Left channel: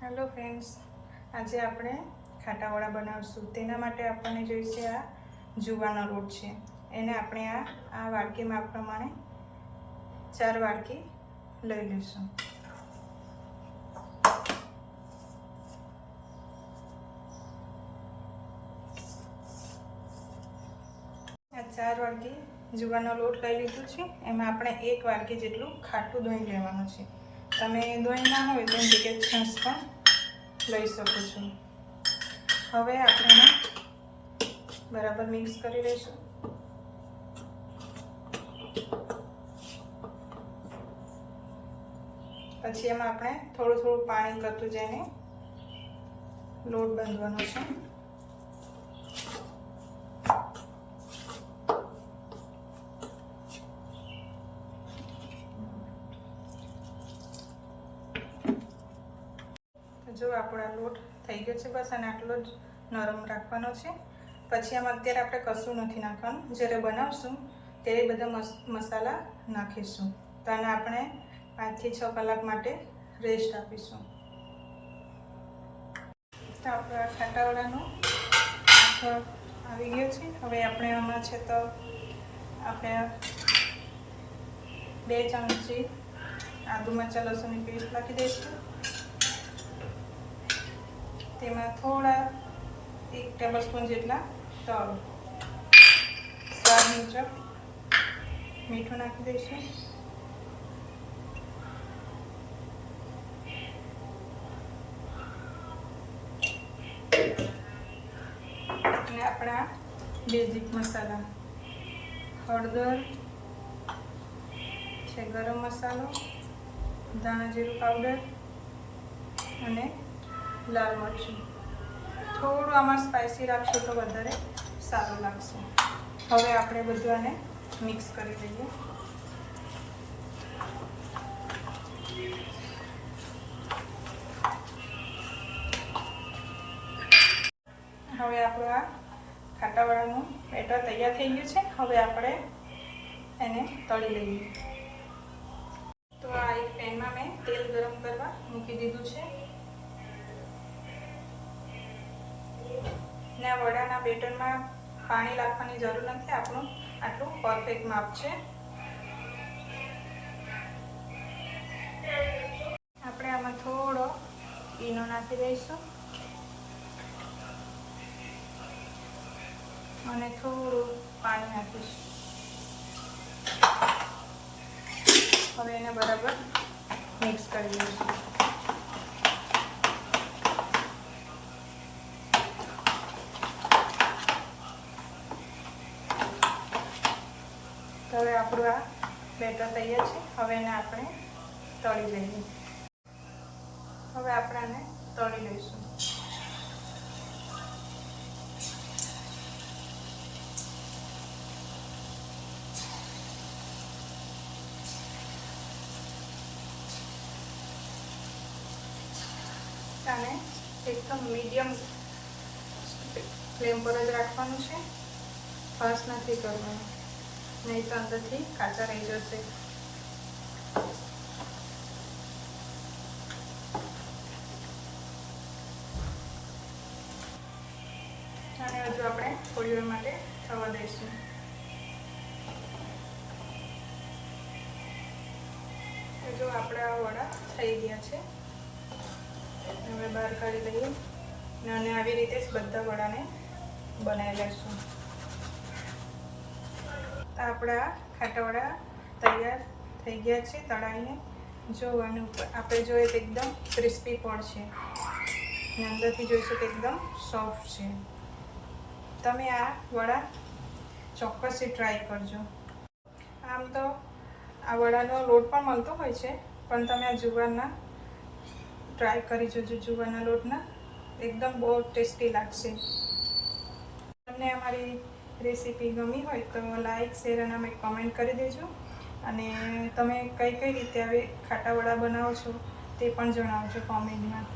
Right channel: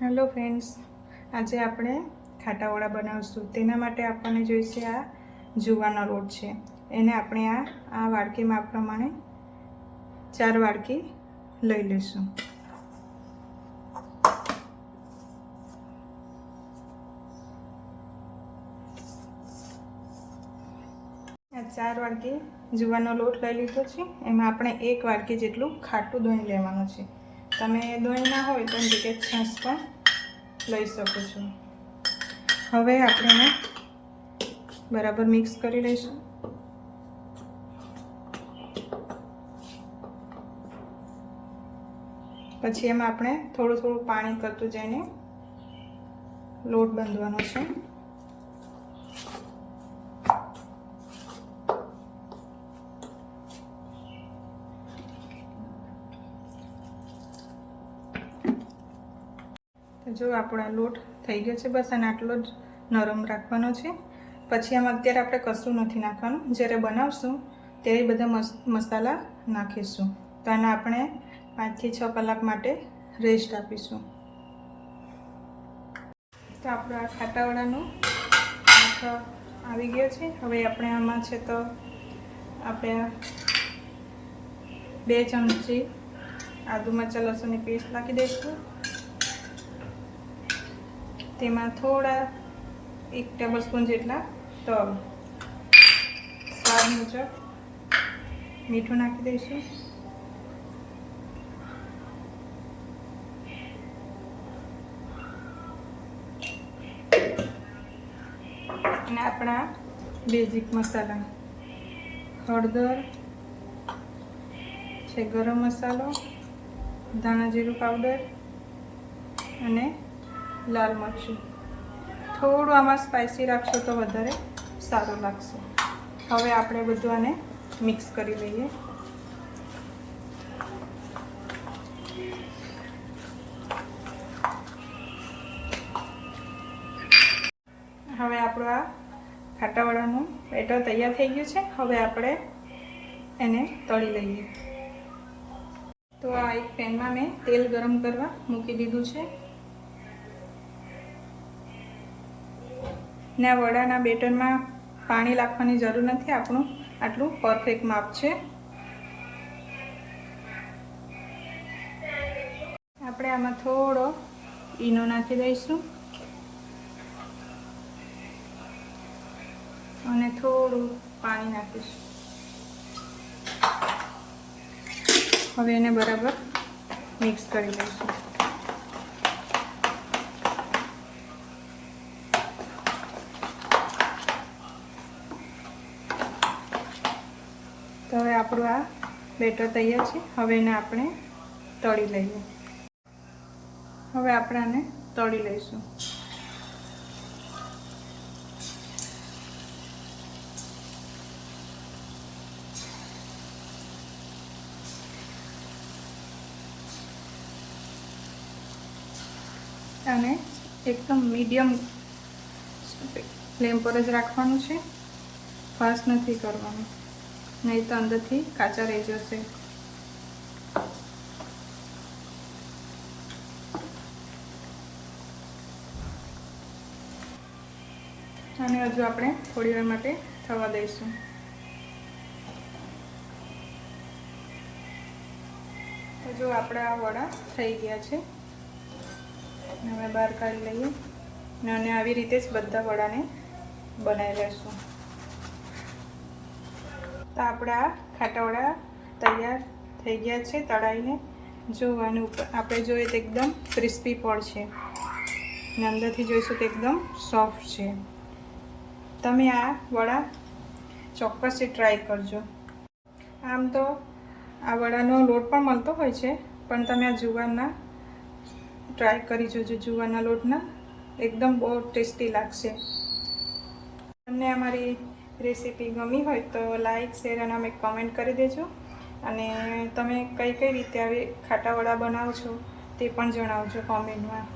Hello friends, આજે આપણે ખાટાવાળા બનાવીશું। તેના માટે આપણને જોઈશે આ જુવારનો લોટ છે। એને આપણે આ વાડકી માપ પ્રમાણે 4 વાડકી લઈ લઈશું। આ 4 વાડકી જુવારનો લોટ લઈ લીધો છે। એમાં આપણે 1 વાડકી જેટલું ખાટું દહીં લેવાનું છે। તમે દહીં ના હોય તો જગ્યાએ છાશ પણ લઈ શકો છો। હવે આપણે બરાબર મિક્સ કરી લઈશું। પછી એમાં આપણે થોડું પાણી કરતું જઈને લોટ બાંધવાનો છે। જો આપણો લોટ થઈ ગયો છે, બસ આને આટલો જ નરમ રાખવાનો છે। પછી આમાં અત્યારે આપણે કશું નથી નાખવાનું, જ્યારે બનાવશું ત્યારે બધા મસાલા નાખીશું। તો આને આપણે 5 થી 6 કલાક માટે રેસ્ટ આપીશું। તો આપણા ખાટાવાળાનો આખો આવી ગયો છે। હવે આપણે આમાં છે તો આપણે 2 ચમચી આદુ મરચાં લસણની પેસ્ટ નાખી દઈશું। તેમાં થોડા 1 ટેબલસ્પૂન જેટલા તલ, સ્વાદ મુજબ મીઠું નાખી દઈશું। અને આપણા બેઝિક મસાલા હળદર છે, ગરમ મસાલો, ધાણા જીરું પાવડર અને લાલ મરચું। થોડું આમાં સ્પાઇસી રાખશો તો વધારે સારું લાગશે। હવે આપણે બધું આને મિક્સ કરી લઈએ। હવે આપણું આ ખાટાવાળાનું બેટર તૈયાર થઈ ગયું છે। હવે આપણે એને તળી લઈએ। તો આ એક પેનમાં મેં તેલ ગરમ કરવા મૂકી દીધું છે ને આ વડાના બેટરમાં પાણી નાખવાની જરૂર નથી, આપણું આટલું પરફેક્ટ માપ છે। આપણે આમાં થોડો ઈનો નાખી દઈશું અને થોડું પાણી નાખીશું। હવે એને બરાબર મિક્સ કરી લઈશું। તો હવે આપણું આ બેટર તૈયાર છે। હવે એને આપણે તળી લઈએ। હવે આપણે આને તળી લઈશું। અને એકદમ મીડિયમ ફ્લેમ પર જ રાખવાનું છે, ફાસ્ટ નથી કરવાનું, નહીં તો અંદરથી કાચા રહી જશે। અને હજુ આપણે થોડી વાર માટે થવા દઈશું। જો આપણા વડા થઈ ગયા છે, હવે બહાર કાઢી લઈએ અને આવી રીતે જ બધા વડાને બનાવી લઈશું। તો આપણા ખાટાવાળા તૈયાર થઈ ગયા છે તળાઈને। જોવાનું આપણે જોઈએ તો એકદમ ક્રિસ્પી પણ છે અને અંદરથી જોઈશું તો એકદમ સોફ્ટ છે। તમે આ વડા ચોક્કસથી ટ્રાય કરજો। આમ તો આ વડાનો લોટ પણ મળતો હોય છે, પણ તમે આ જુવારના ટ્રાય કરી જોજો। જુવારના લોટના એકદમ બહુ ટેસ્ટી લાગશે। તમને અમારી રેસીપી ગમી હોય તો લાઈક, શેર અને અમે કમેન્ટ કરી દેજો। અને તમે કઈ રીતે આવી ખાટાવાળા બનાવો છો તે પણ જણાવજો કોમેન્ટમાં।